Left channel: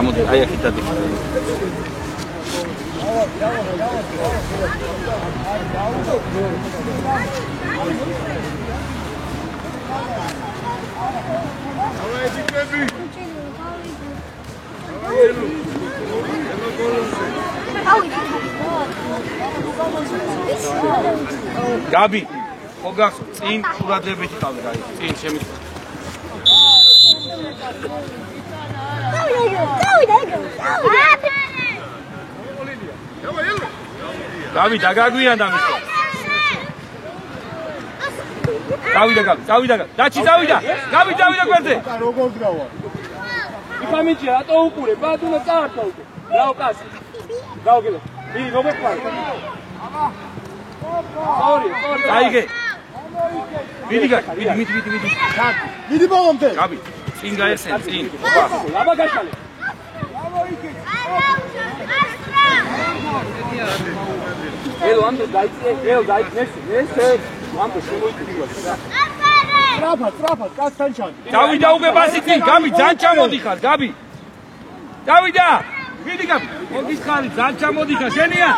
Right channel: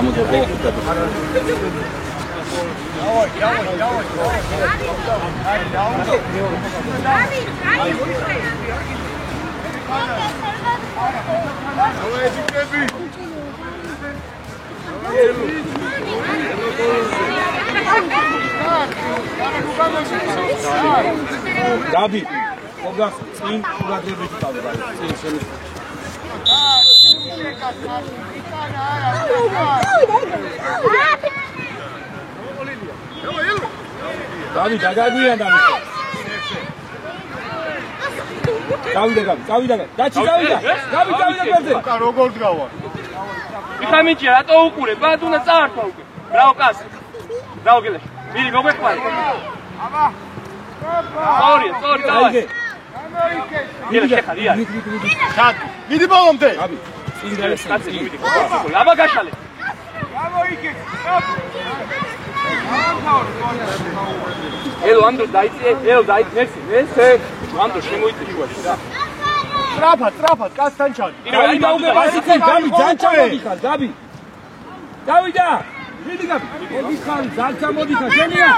გამოდი აი აქ დადი Gabi, ogah წინ ყურადღებით თავი გაი, წინ შემი. Gabi, დაგაგვიანდა მისო. Გავიდა Gabi, გავიდა Gabi. დაჩი გავიდა. Gabi, დავიდა გვერდზე. როგორ გრავა? იხამინჭია, რატო უყურე? ბათ უნდა წაართვა უკვე. რაო კაცი. რაო გელე. მირი მოგეყვარ. აბა. ორი. აიგე. მიდი. მიდი ბოლომდე. Gabi, წინ გაიხსენ, წინ. აბა გაშალე. გამოიქე. ელო ანდრო დაიწე, ელო დაიწეს, ეს ანდრო შემოიწივა. სწრაფად, კაცთან ჩან. გავიდა უკვე ბასიკი, Gabi, ძანჭა მოდიხარ, Gabi. გავიდა. მიდი Gabi. მოდიხარ, ძანჭა მოდიხარ, შენია.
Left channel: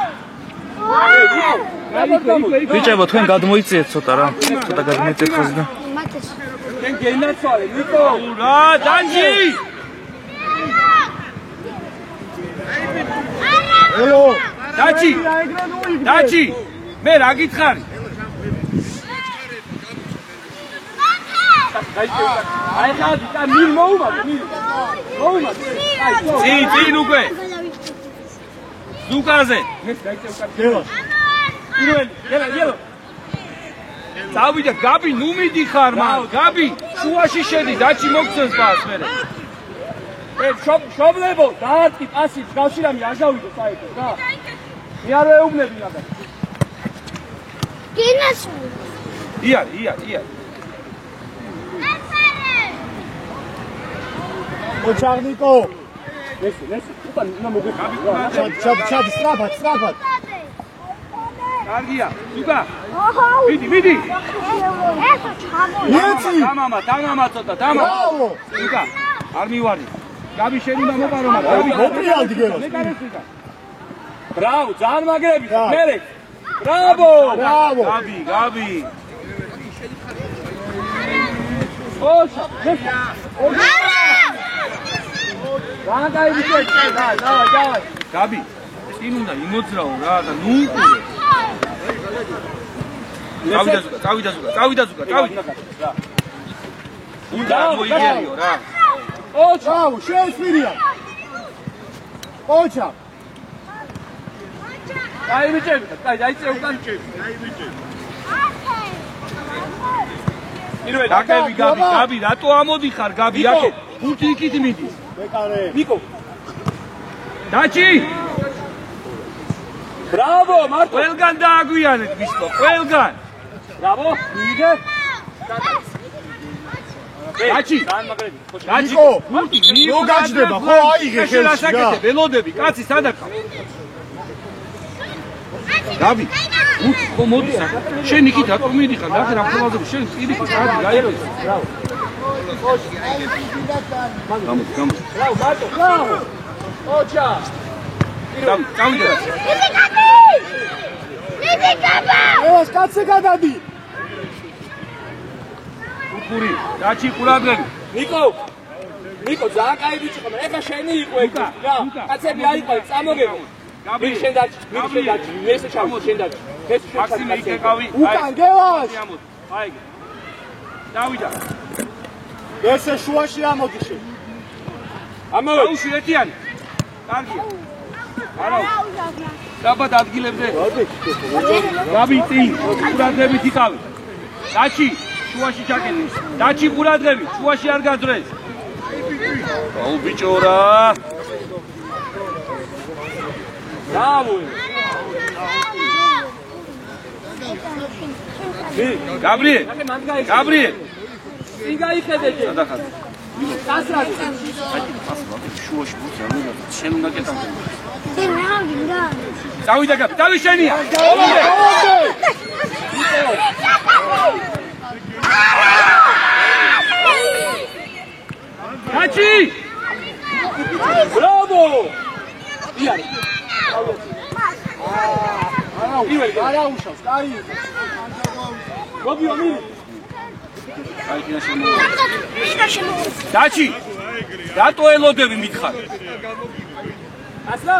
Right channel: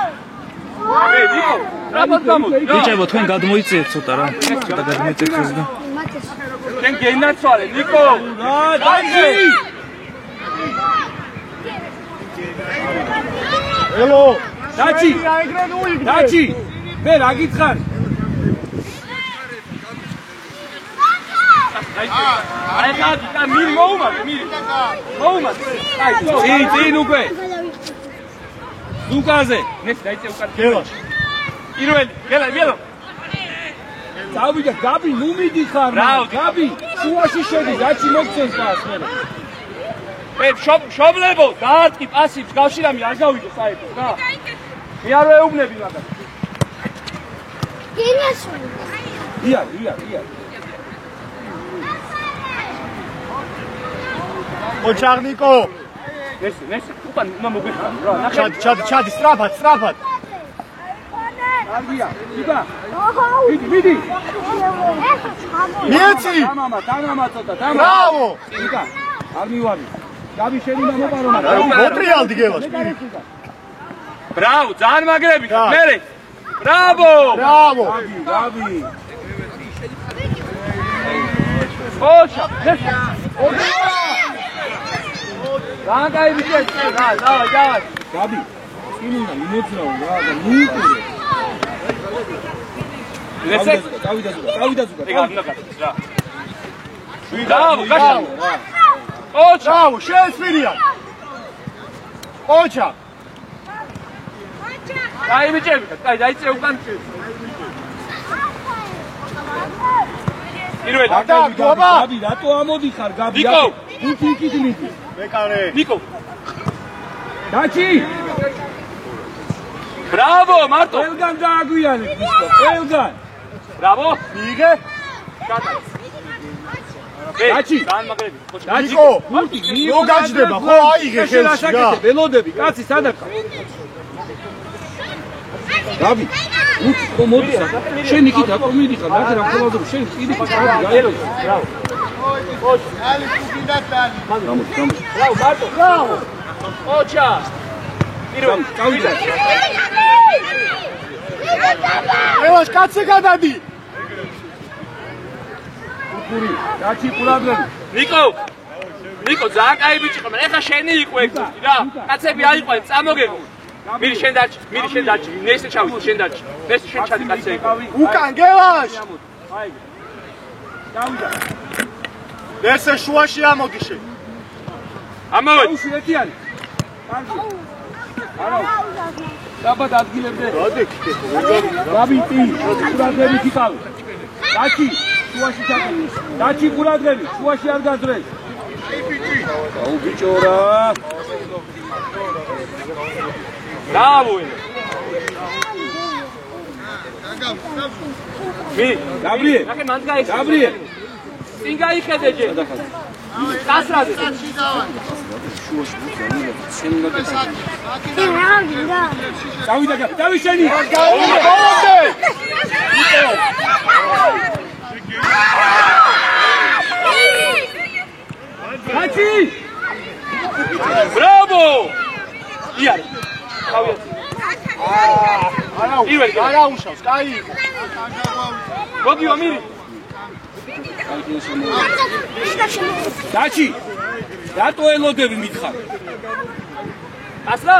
ბიჭებო, თქვენ გადმოიწიეთ ცოტა რა. ცოტა გადმოიწიეთ ხოლმე და. ჩვენ გენაცვალე, ნიკო. რა, დანჯი. ელო. დაჩი. მე რა გითხარი? აი ხა მირი მოუმატე, მირი. მოუმატე. აი, წინ უკვე. ზუკაზე. მე დაიწე უკან. გელას. პირველი, გელო. წავიდა Gabi, ნუ მიდიხარ რა, Gabi. შუაში შედი, დაჩი მოგცეს მას მე. შობლებო, დაარტყი პასი, გავშირამი არ გავიდო საერთოდ რა. მე არ ვეუბნები მაგას. გინასული. ია. ოჩაღნიკო. ნესი, უკან უნდა მოგვიხარი რა. ჩადი, სწრაფად. კარგია, იბა. ოჰო. მიდი. ეხა ჩამო. მიეცი. დამამა ცოტა, დამა. ბრავო. იბა. არ მივარი. Gabi, შენი უნდა მოპარო მაგრამ. მოტრიალდი გელას. ბრავო, ძალიან მაგრები ხარ, მერე. ბრავო. Gabi. ოჩა. რა გაიბიჭე? დავაი. Gabi, წინ უნდა იმოძრაო რა და ნუ უყურე. წავიდა ზუგა. ბრავო, გაშალე. ოჩა, შეესვირია. ოჩა. გაიბიჭები, დაიწე უკან. პირველი, Gabi, რატო ამოდიხარ Gabi? ნიკო. ხუთი იქით მიდის. მეკარე. ნიკო. დაჩი. ბრავო, მარტო. ყველგან დააგვიანეთ მისო, ყველგან. ბრავო. მიიგე. დაჩი. ძალიან მაგრები. ნიკო. ნო გაჯდება, ხო აიღე ხელში რა. ველოდები, კაცი სადაც. Gabi, მოდი. შენ იქით აკო მიდიხარ, რა რა ხვალობ შენ წიდი გაირო. ბრავო. გამოდი. ბრავო. ოჩა. პირველი, წავიდა. ელას კაცზე გადადი. უკური, დაჩი ყურადღები. ნიკო, ძალიან კაი ბიჭი ხარ, ეხა შენი იყო ეგ რა. კაცები აიყვნენ, წამოგებო. მირი შენ დაჭი, ნესე ჩავიდე შენ დაჭი. ნესე შენ ჩადი კაცები. უკან გელას. აიგე. დავიდა. ესე შუაში ამოგიშე. ამოვე. აუში ეტიანი. კარგია. არა. დაბად ადგილებდე. Gabi, წინ, ყურადღებით იყავი. დაჩი, შუაში ჩაკეტე. დაჩი ყურადღებით, შუაში არ გაძრეს. აუ ბიჭო რა. დავუე. Gabriel. Gabriel. წინ გაიხედე ჯერ. გასრადი. შუაში ბუცანი, შენ უნდა კეთდე. დავიდა Gabi, დავი შენი. დაჩი. Bravo! იარი. არა უშავს, კაი. გოგიო მირი. დაჩი. რატო ელოდები მითხარ? ასლა?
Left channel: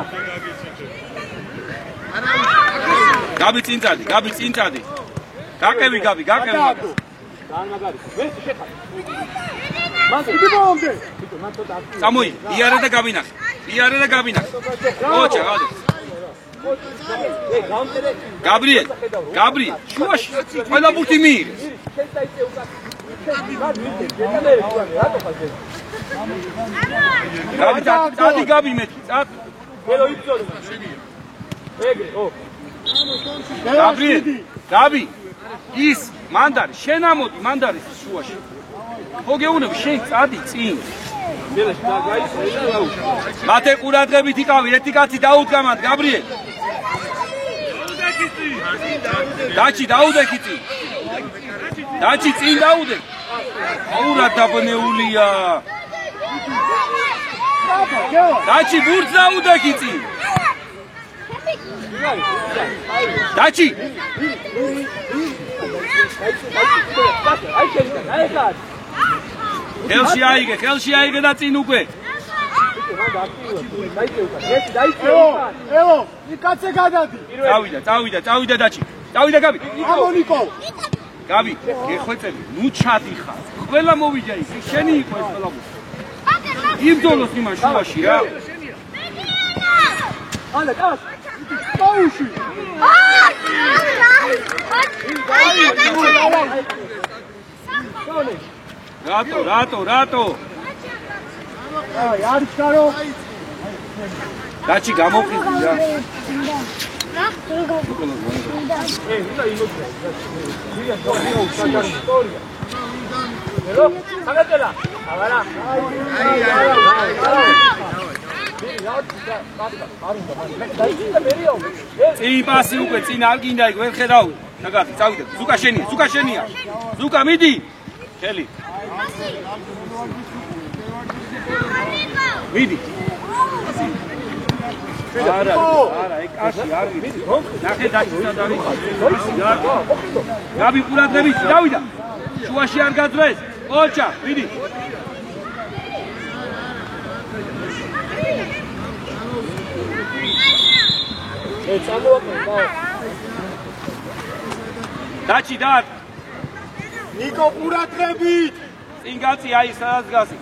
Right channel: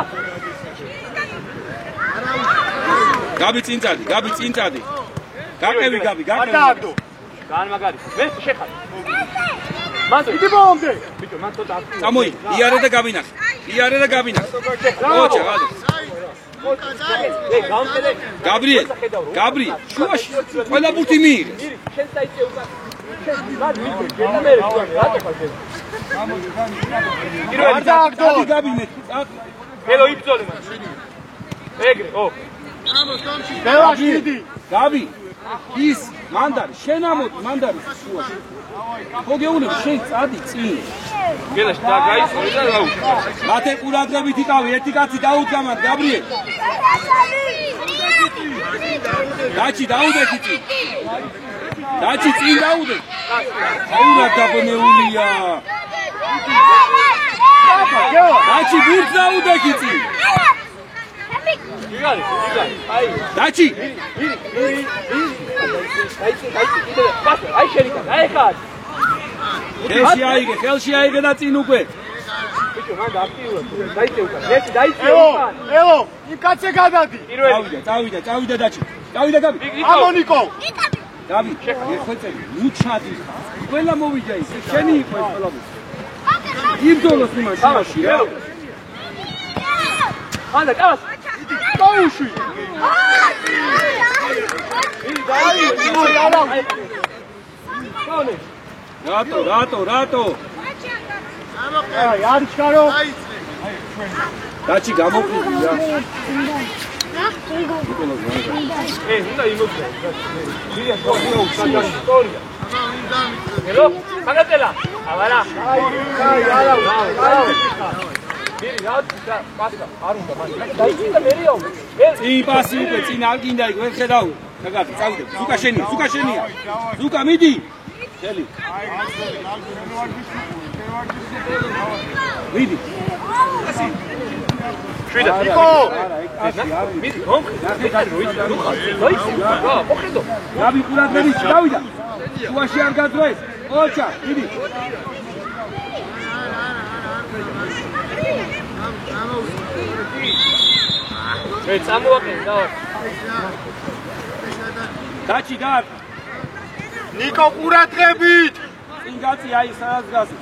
გაბი წინწადი, გაბი წინწადი. გაკევი გაბი, გაკევი. განმაგარი. მე შეხარ. მან იგი ბოლომდე. ბიჭო, მან ცოტა აქტივი. წამოი, იარე და გაბინახე. იარე და გაბინახე. ოჩა, გადო. გაბრიელ, გაბრიელ, შუაში ყველა ბურთი მიიღეს. შენ დაიწე უკან. შენ მარ მიდე, ჯერმე რატო ხარ? დადი გაბი მე, წად. ელო იბძოლე მას. ეგრე, ო. გაბრიელი, გაბი. ის მანდარი, შენ ამოდი მანდარი შუაში. ხო გეუნები, შენ წადი წინ. გელაში და გაიწოე და რაუ. მათე ყურადღებით იყავი, ერთი კაცი დაუდგამად, გაბრიელი. დაჩი დაუდექი წინ. დაჩი წინ დაუდექი. აუნა დაბნეულია. დაჩი ბურთს დაუდექი წინ. დაჩი. აი შენიკა, აი ხარ. ხელში აიგე და წინ უკვე. ბიჭო, მან აქტიურად. დაიწე უკან. ერთი დაიწე უკან. ელო, იკაცე გადადი. წავიდა დაჩი. წავიდა გაბი. ამონიკო. გაბი, ეხვეწები, ნუ ჩადიხარ. ყველა მოვიჯა ის, შენი იყო ეს ყველა. იბრძოლოს იმან შუაში რა. ანდა, კაც. დაუშვი. რატო? აი, არ ჩარო. დაჩი გამოყიდი რა. უნდა იმოდგა. მირია გოგიო საჯარი ისტორია. ელო, საგატელა. აბარა. აი, არა. მირი, რა კაცკა, არ უნდა მან. დაიჭირა მერიო. წინ პასი უკვე წინ არ გინდა იქ ვერ ხედავ. მაგარი, წავიდე. ზუკა შენია. ზუკა მიდი. ხელი. მიდი. შვიდა. არა, კაცი არ მიდი. ნახე დაჭი, მოხიდო. გაბი ყურადღებით დავიდა. შუაში არ გაძრეს. ოჩა, მიდი. მე წამოვაკენ და დაჩი და ნიკო ყურადღებით. წინ გაწი აი სადაც გასი.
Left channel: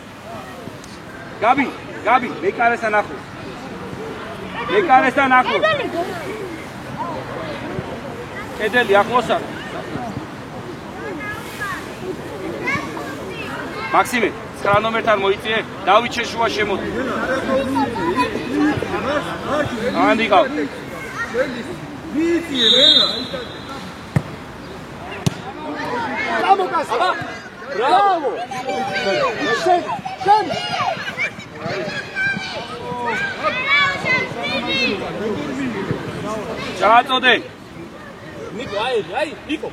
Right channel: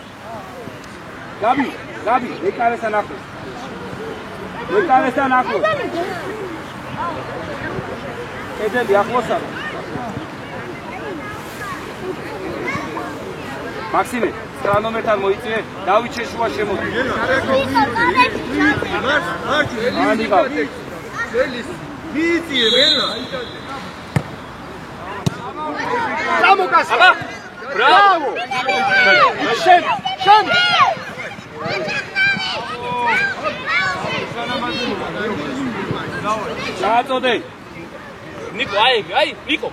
გაბი, მეკარესთან ახლოს. კედელი ახლოსა. მაქსიმე, 9 ნომერთან მოიწიე, დავით შეშუა შემოდი. ანიკა. მიიწიე ვენა. გამოკასა. ბრავო. შენ. ჩააწოდე. ნიკო, აი, ნიკო.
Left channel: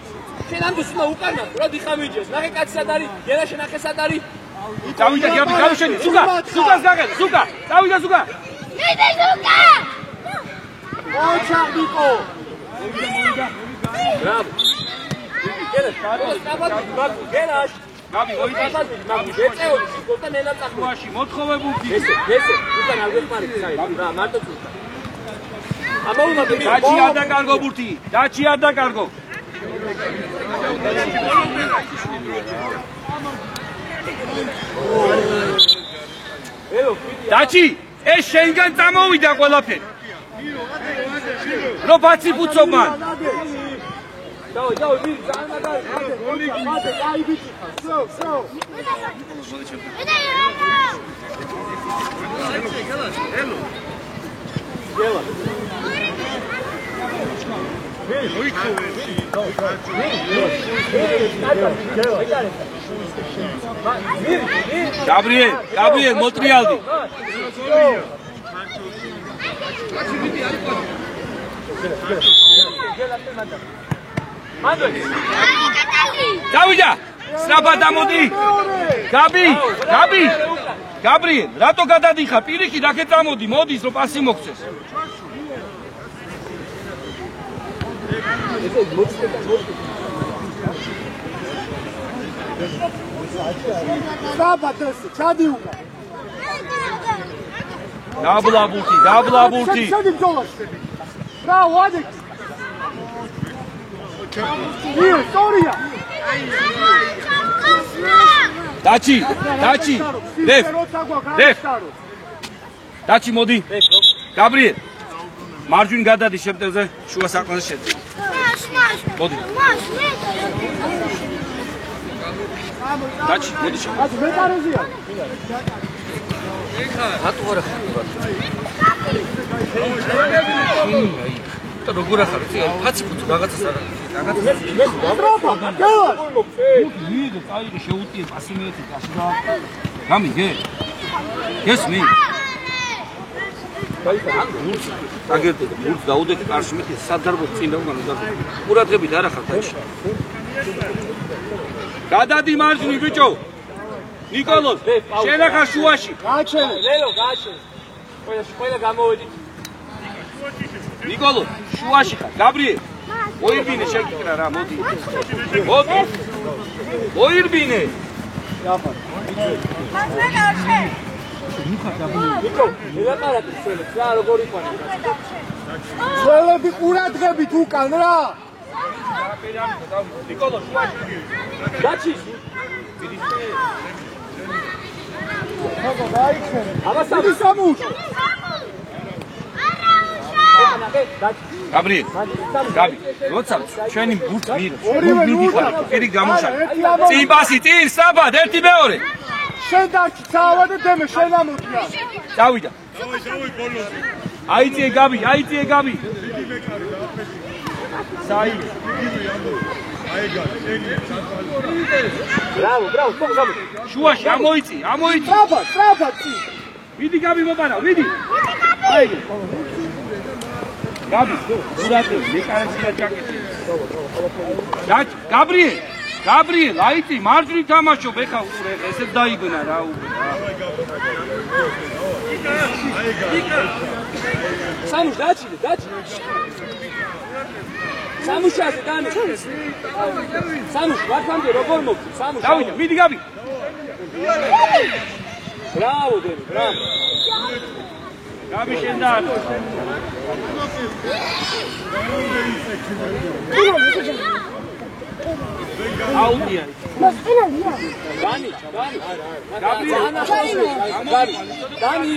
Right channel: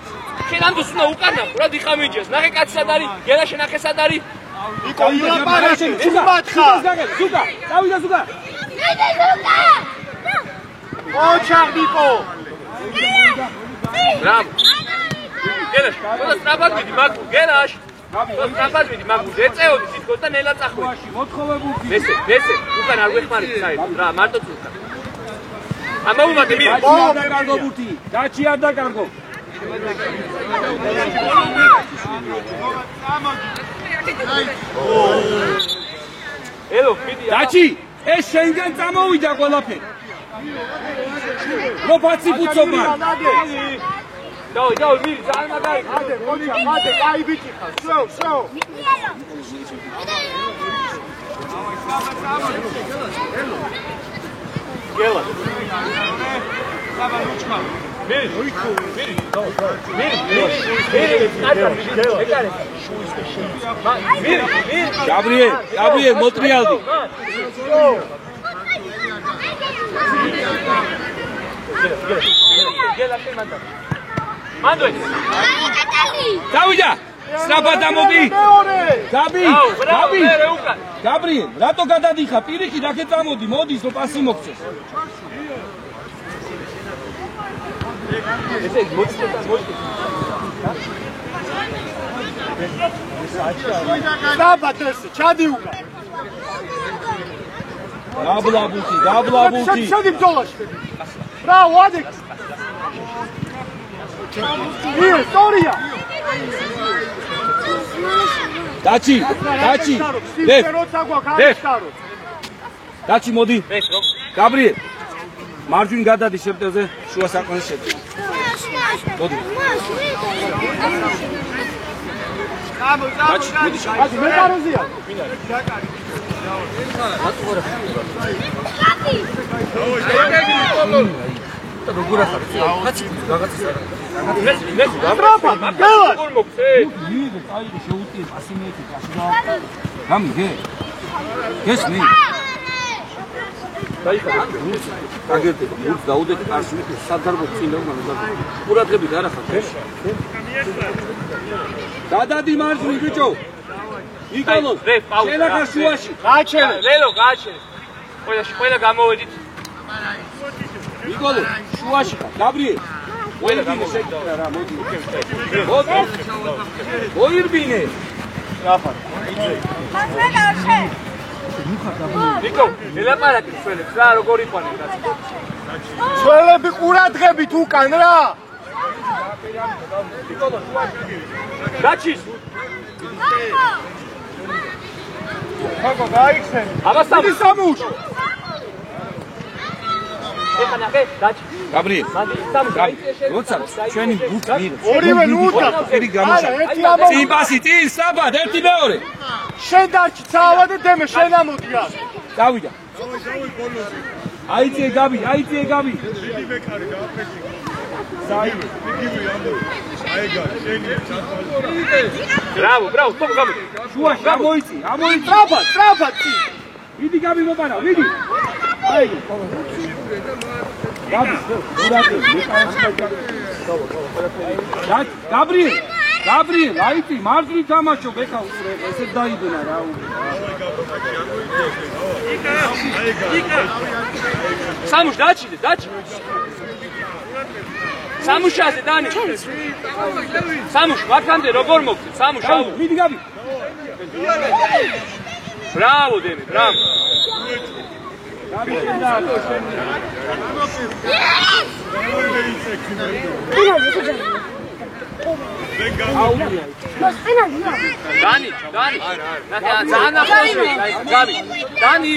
შენ ამდენს უნდა უკარნახო რა დიხამიჯეს. ნახე კაცი სად არის? გელა შენ ნახე სად არის? წავიდა გაბი, გარშენი. ზუკას გაგეთ. წავიდა ზუკა. მიდი ზუკა. ოჩა ნიკო. ბრავო. გელაშ, სწრაფად მიდი, მაგ გელაშ. გაბი, სწრაფად მიდი, მაგ ეწეოდი თითქოს და ნელა წახვეში. მოთხოვებული. ესე, უკან არ გვეხმარით საერთოდ რა, მარტო წუხდა. ამაუმადე მირი. დაჩი არ დაკარგო ბურთი. დაჩი არ დაკარგო. ელო, მიდი. დაჩი, ეს შენგან წამოვიდა ყველაფერი. რო ბაცი ბუცობა. დაო, მირი, ძალიან მაგარი. მადე, კაი ბიჭი ხარ. შო. გელა. გაბრიელ, მოტრიალდი. დავიდა, სწრაფად ამოდი. გაბი. გაბრიელ, რატო გადადიხარ? პირიქით აქ წამოდი, მოდის რომ პასი მოგცეს. დაბათეს, ჩადი უკან. დაბლაბუთი. შედი ბრძოლაში. ბრავო, ადექ. ისტორია. დაჩი. დებ. დაჩი მოდი. გაბრიელ. მარჯვინ გადადი შეპტევზე, შუა საყმელზე შედი. მოდი. დაჩი, მოდი შე. აზ მეტარეზია. როგორ ახარ? კაცი ფუძ რაღაცას არა. დრაფა, გელა. მიიღე, წაიღე, შეუტიე პასი მეეთი პასი და გამიგე. გესმი? აგერდე, გულს დაუდეთ კარში მე სადარბო წინ და უნდა ყურადღებით არ ახარ ქვეშ. გადადი მარჯვნივ ბიჭო. ნიკოლოზ, შენახა შუაში. გააჩენე. ლელო გააჩენე. ყველა გამოვედით. ნიკოლოზ, შუაში ხარ. გაბრიელ. მოირბინე შეკრა რა, მოდი. მოირბინე. რაფა. ნიკო, ელაპარაკი ხელებს რა როგორ იყვნენ. ძველები ყურადღებით უკან რა. ნიკოლო, შუაში. გაჩის. ხაგო გაიქცენ. აბასამი სამუშ. ეხანახე, გაჩის. გაბრიელ. გაბრიელ. როცა ჩვენი ბუკ მიიღებს. ორივე ნუდა. ერთი გამოსა. წინ პასი, წინ საბად, ერთი მეორე. შენ დარჩი ცავა და დემე შენ ამოდია. დავიდა. აიწიე გაბი. დიდი მეკარი დააფეთქე. საიმე. იგივე ამბობ. აიგა, შენი ჩათვალე. ბრავო, გამო. შუაში ამოიწი. სტრაფა წი. მიდი გაბი მოპარა, მიდი. აიგე. გაბი, ურატე, მეკარებს და გაბრიელ, აიწი, მარჯვნივ თამაშობ, ეხა უყურე, ესეც დაიბნა რა უკვე. სამუშ დაჩიდე. სამუშაზე დანიშნე. სამუშ ვაქამდე როგორ მოგწე? სამუშ. მიდი გაბი. ბრავო დემი, ბრავო. გაბი შენდა. აუდია. დანი. ძალიან ახლოს გაბი. დანი.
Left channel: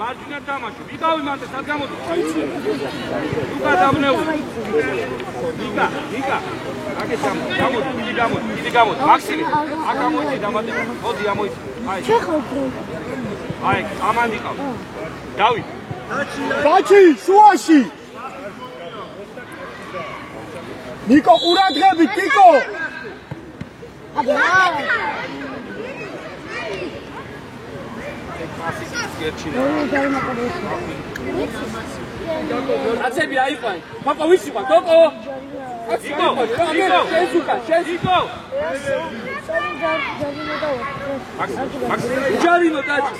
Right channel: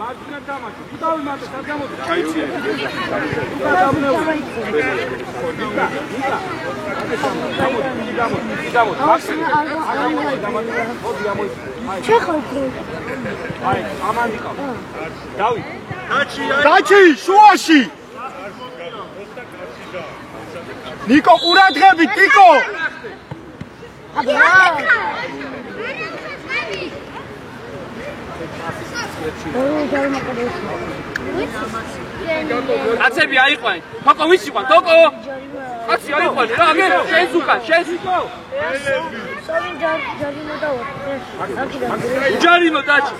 მარჯვნა თამაში. ვიყავი მარტო სად გამოდი? აიწია. უკა დამნეული. ნიკა. გამოდი. მაქსიმი. მოდი ამოიწი. აი, ამან იყავ. დავი. დაჩი შუაში. ნიკო ყურადღებით, ნიკო. კაცები აიყვნენ. თოკო ვიც იყო? თოკო. კაცი აიყვნენ რა, მე შენს უკან, შენს იყო. ჯარიმო დაჩი.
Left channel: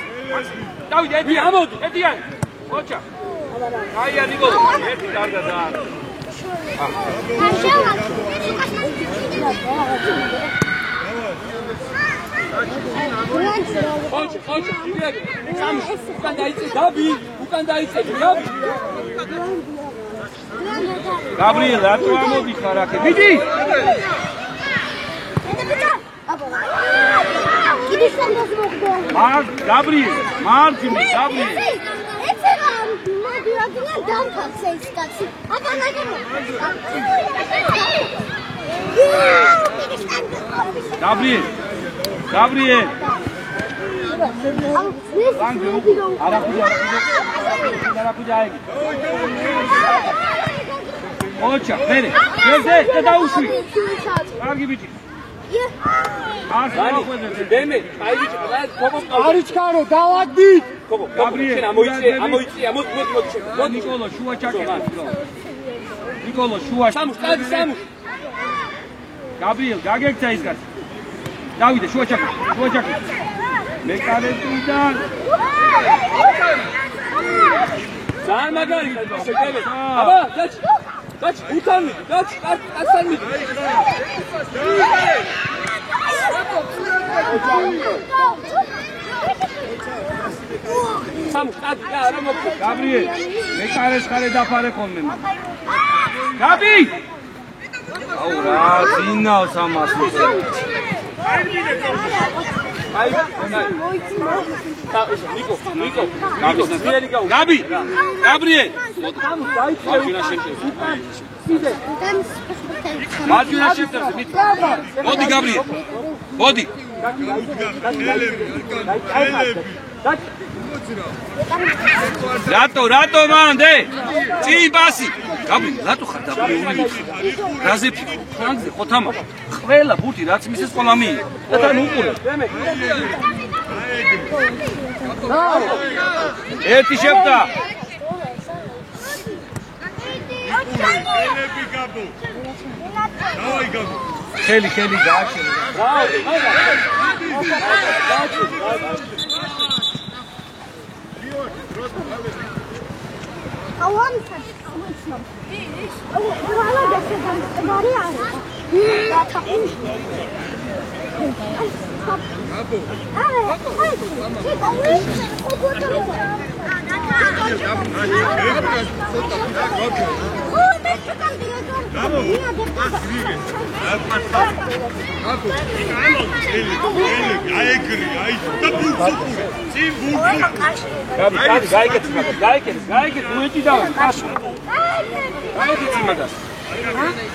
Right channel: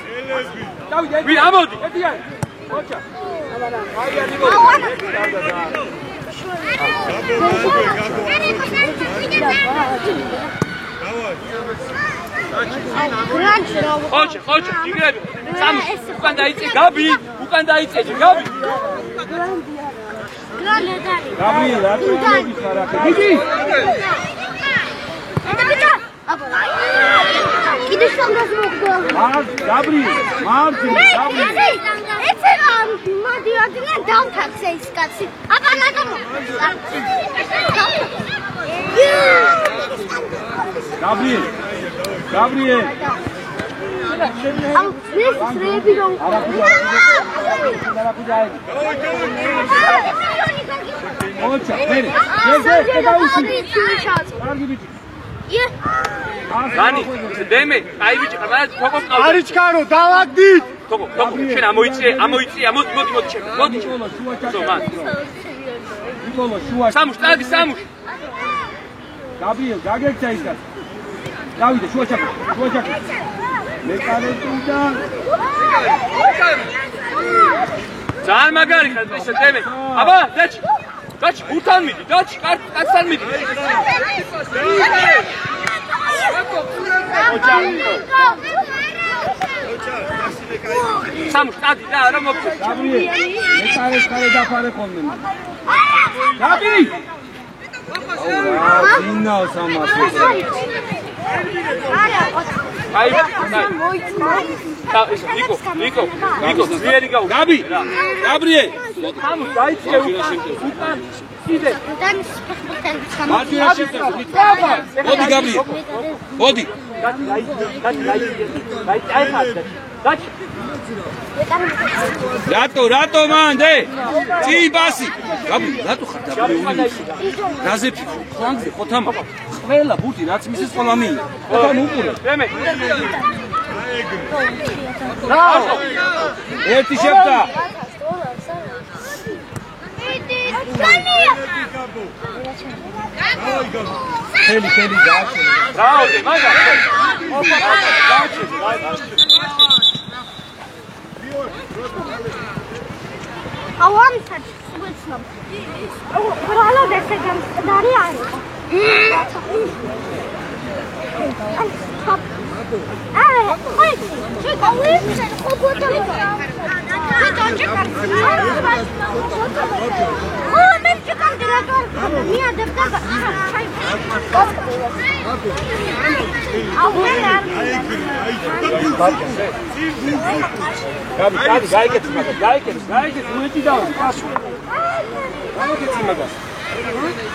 დავიდე, ვი ამოდი. ეტიანი. ოჩა. აია ნიკო. ხოჩა, იგრები. სამუშ, უკან დაიწე, გაბი, გაბი. გაბრიელ, რატო ამოდი ხარ აქ? მიდი. კიდე სამას მოგდა. გაბრიელ, მარჯვნივ, გაბრიელ. ეცელა, მოდი ადგილ დავთახე ის კაცი. აბანაკო. გაბრიელ. არაფუძა. ოჩა, მერე. ეს დაუშვი. კარგი ბიჭი. განი, დემე, აი ბიჭი, მაგრამ თოკო ყავს. არიჩქარო, დავაგდით. თოკო, შენ ამოიწე, მოდი შენ. მოდი. ნიკოლო, შუა ჩაკეთე. ნიკოლო, შუა. სამუშ, წადი სამუშ. გაბრიელ, გაგექცა ის კაცი. დავიდე, შუა ჩაკეთე. მეკარეთიდან ძალიან მაგარი ისე დემე. აბა, დაჩი, ურთან მიდი, დაჩი, კაცთან მიდი. სამუშ, დადი, და რა მოგწე. გაბრიელ, მეკარეს ხარე დაფარე ხოლმე. გაბი! აუ რა, ძინავს ამას. აი, ნიკო, ძლიერი გაუ. გაბი! გაბრიელ! სამუშ, დაიწყე უკან. მარჯვენა შემწევს, ნიკო. მოდი გაბრიელ. მოდი. რატო მანდე? წი ბასი. გაბრიელ, რატო ხარ დაბრიული? რაზე ფიქრობ? ფლანგზე ხოთამა. ყველა ბუთი რაც მისის ყველა მიიღო. თან უყურე. დემე. ერთი შეფთა. ხელი გააჩერე. რაოდი, მაგარი. ავამთან ვეცნობ. რა დეცე გამწდარი არის.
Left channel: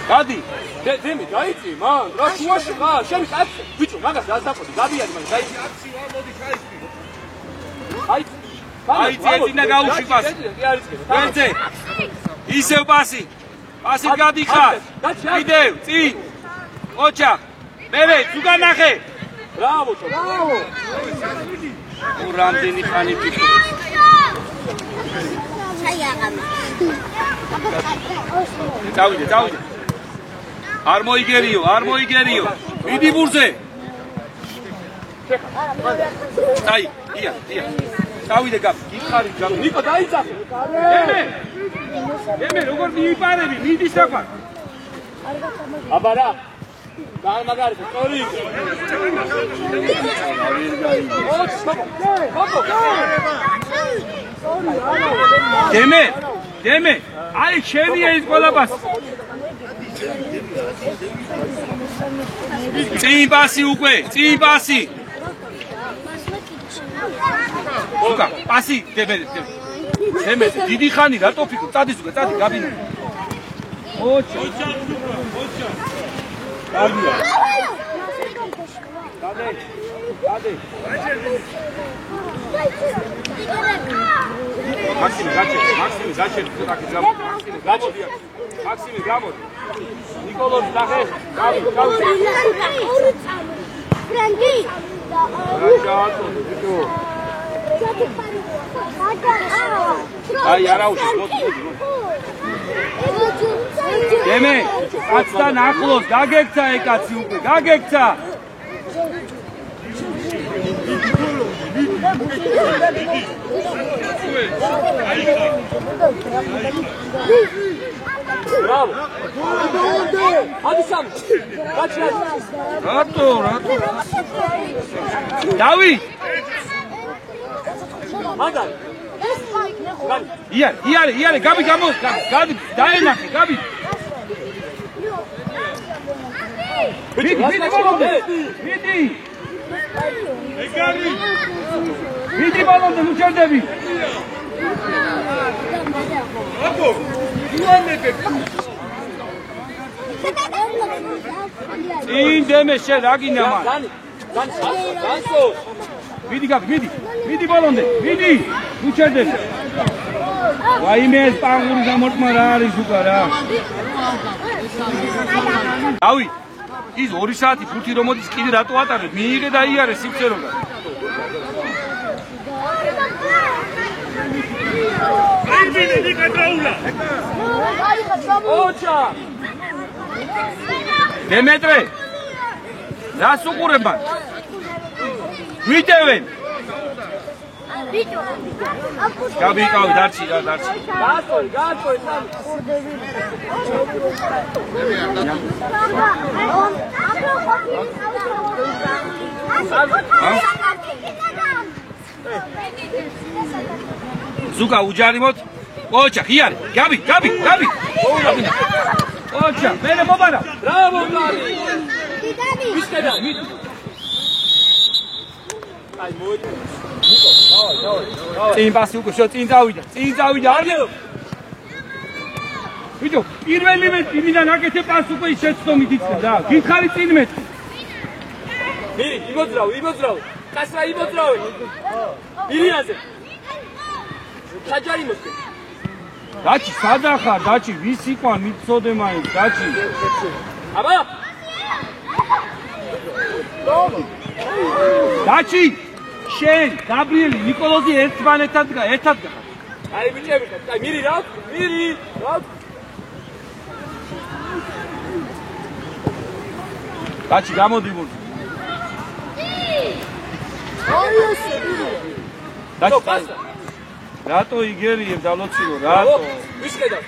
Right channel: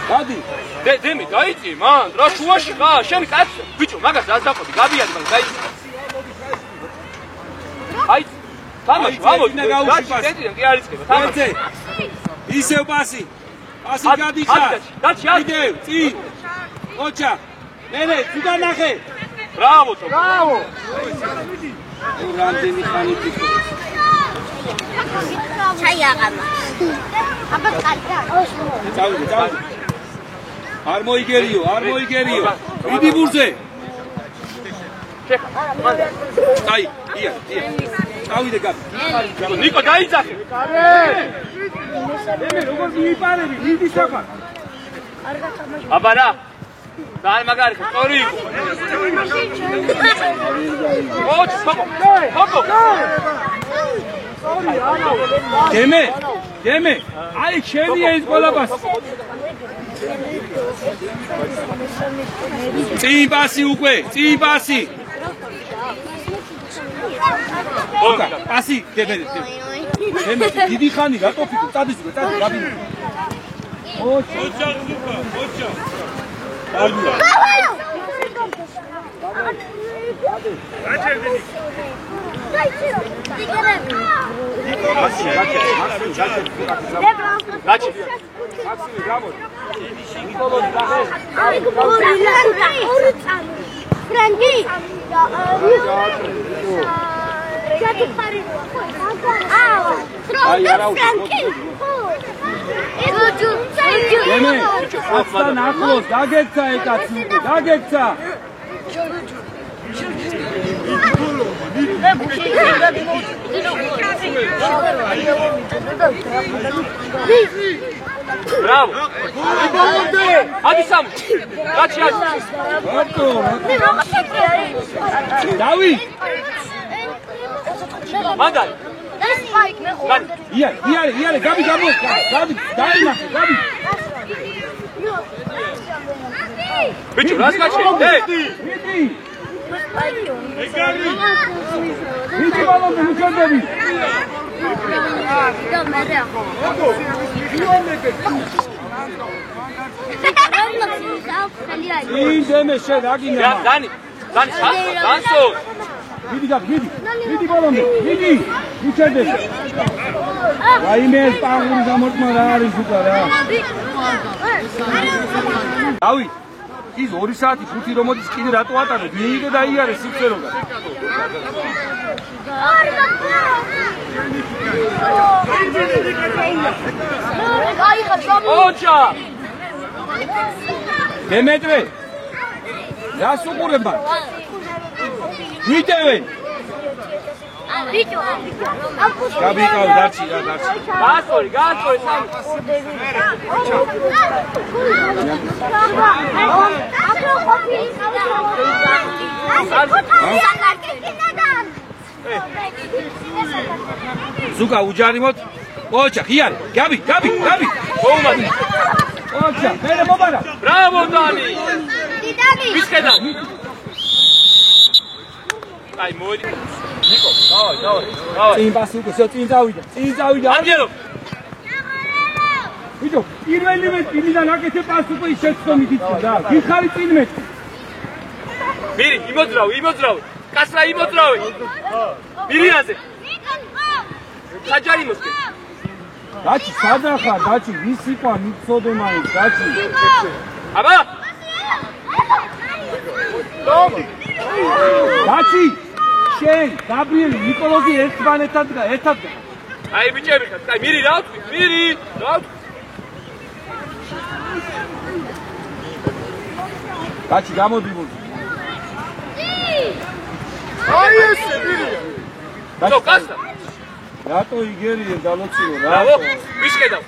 გადი, დემი, დაიწი, მან, რა შუაში ხარ? შენი კაც, ბიჭო, მაგას რას დაყოდი? გაბიადი მაგას, დაიწი. აი, ედინა გაუში პასი. კი არიწება. თამაზე. ისევ პასი. პასი გადიხარ. კიდევ, წინ. ოჩა. მერე, თუ განახე. ბრავო, ჩო. რამდენი ხანი ფიქრობ? ჩაიაღამა. აბა კაცო. წავიდე. არ მოიგერიო. მიდი ბურზე. აი, ია. წავიდე გაბ. ნიკო დაიძახე. მე როგორ მიიპარები? მიდი საყვა. აბა რა. ძალიან მაგარი ხო, სწორი იყო. ოჩ, ხობო. დემე. აი, შენია ის ყველა პასი. წინ პასი უკვე. ოკა, პასი დემე. დიდი ხანი რატო ფიქრობ? წადის უკვე, გაბი. ოჩა. დაგია. მაქსიმი, გამოდი. ნიკოლოზ დაღე. ფრანგი. აი, არა უშო. დემე, კაცთან ახლოს გაგექცა ეკაცი უკვე, გაგექცა. Bravo! Adisam! Kaçıyor! Rato! Davi! Mandal! Iare, Gabi, daima, Gabi! Bitte, was kaçıyor? Vidi balonda mükemmel. İyi deme şey ragin ama. Dani, sanso. Vidi gab, vidi balonda, vidi. Mükemmel. Vayme panguri zamortma rari şukara. Avi. ის 2 საათი ფუთი რომ მოდის კიდე რატო ატარებ? მიიღე და იარე სიფცეროგა. ოჩა! დემეტრე! რას უყურებ მან? ვიტევენ. ბიჭო. გაბიკავი დარჩი რა დარჩი. გაასწორი სამ. ზუკა უჯარიმოთ. ოჩა ხიარი. გაბი. ოჩა მერე მობარა. ბრავო დანი. დიდანი. ვისკედა. აი მოდი. ნიკო, დავай. წინ პასი უკვე წინ წავიდა. ამჯერო. ვიდო, პირველი იმიდან აკეთე პასი უკვე შეცდომით იცი რა. გიხარი წინ მეტი. მირი, იმოძრავი. კასრა იმოძრავი. მირიანზე. საჯარი მოსკე. დაჩი სადახარ, დაჩი ვის იყო მიცოდე მაინც, დაჩი. აბა. დაჩი. შენ, გაბრიელი, ნიკოლოზი ერთმანეთად ერთად. აი ბიჭები, აი მირი რა ვთქვი? დაჩი გამოდი მოდი. აი ესე მირი. ნო კასა. რატო იგერიებ დალოციო, რატო? ვისკედა.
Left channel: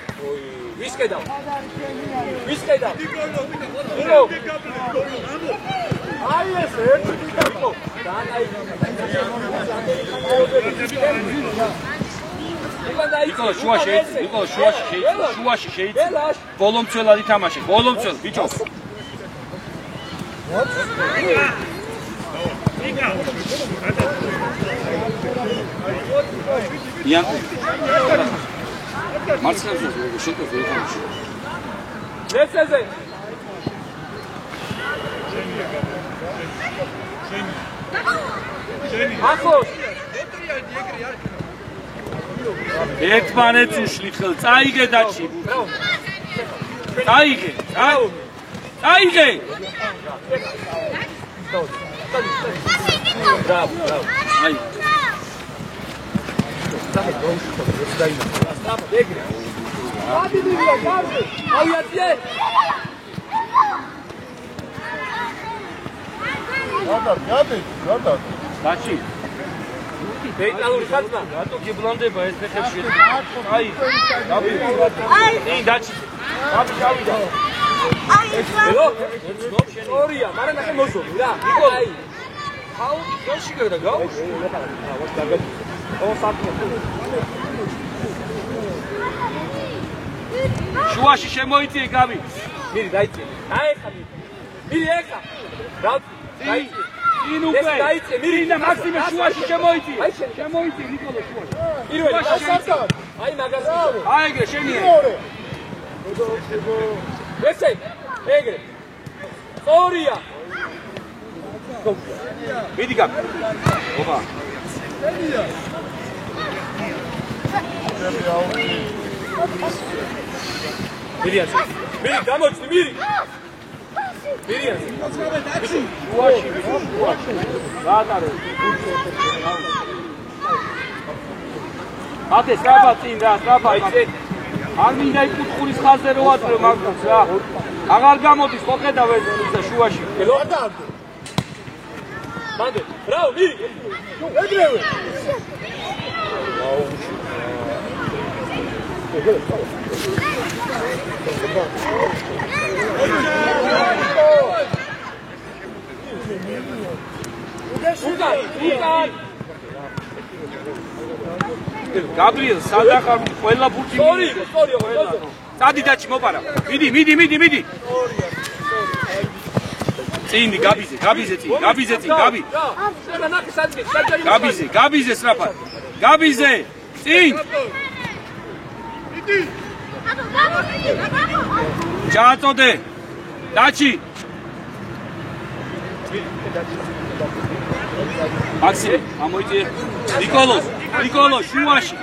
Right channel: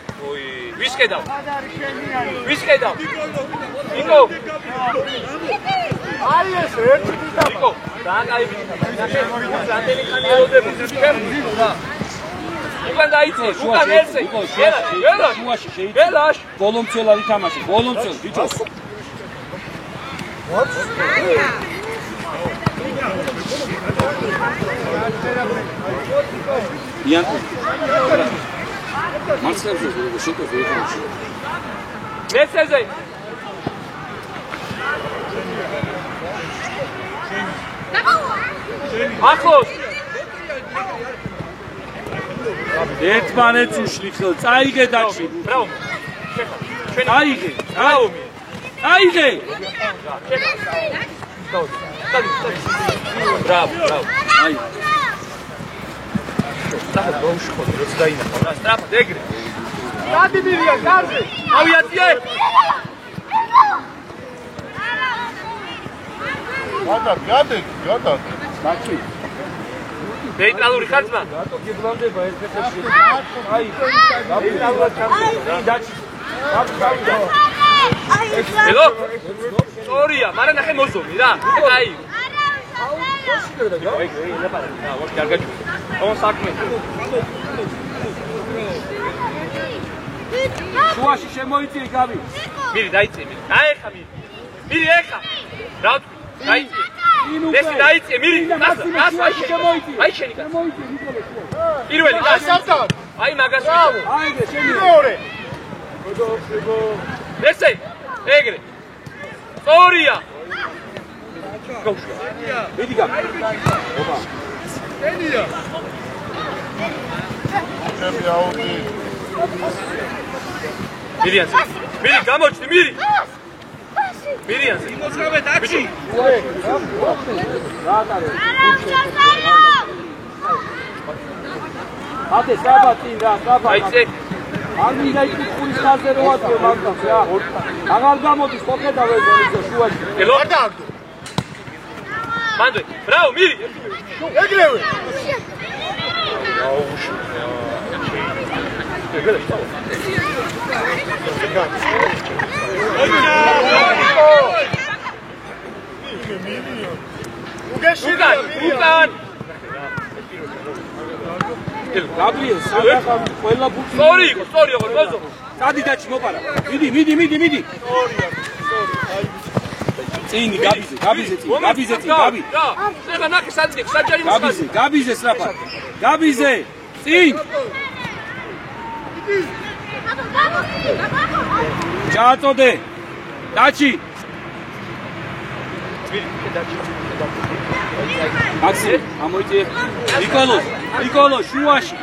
ვისკედა. ნიკო. აი ესე ერთი დიდა. ნიკო. დაანაი. უკან დაიწო, უკან ერზე. ნიკო, შუაში შეიძლება. ველაშ. ბოლომცველად ითამაშე, ბოლომცველ, ბიჭო. იანკო. მარცხებზე შეტევ ეთამაში. მესეზე. ახლოს. ერთმანეთს უშლი ხელ, წაიგე დაჩი. ბრავო. წაიგე. ბრავო. აი. სტრაფ დეგრე. გადიდირია გარზე. ავიაციე. გადა. დაჩი. ნეიტრალური ხარჯნა. რატო გიბლანდება ეს ფეხებში? აი. დაჩი. გავიდა. ელო. სწორია, მაგრამ ნახე მოზომი რა. აი. აუ, გოში გადაგა. კარგად. ონ საქმე. შუაში შემოიწიე გავი. მირი დაიწე. აიხა მირი. მირი ეხა. რა დაიწე.ინ ეს უკვე. დაიწე მირი. მაქსიმე შუაში შემოიწიე. აი შენი. შემოიწიე ნიკოლო შუაში. პირველი გასავთან. აი მაგას. აიგე შენი. მეორე. ესე. ეგრე. სწორია. მიდი გა. ოპა. ჩემი აუტი. მირიანზე. მირი გამოჩნი მირი. მირიანზე. ბიჭი. გაატარო. ათე საბა წინ რა, საბა. აი წე. არ მინდა იკითხურის ხაზზე რო ატრო მაგას რა. აღარ გამოდის მოხედა ვეზონის შუაში. ელო. მანდე. ბრავო მირი. ეგრევე. უკან. გაბრიელ სადახა ყველა ბუთი. სწორი იყო, გოზო. წადი დაჩი მოპარა. მიდი. წინი გაბიზე წინ. გაბი. შეიძლება ნახე სადიდე, საჯარი გაბიზე, გაბიზე სრაფად. გაბიზე. წინ. ჩააწოდე. დაჩი. მაქსი, ამოიწიე. ნიკოლო შუაში.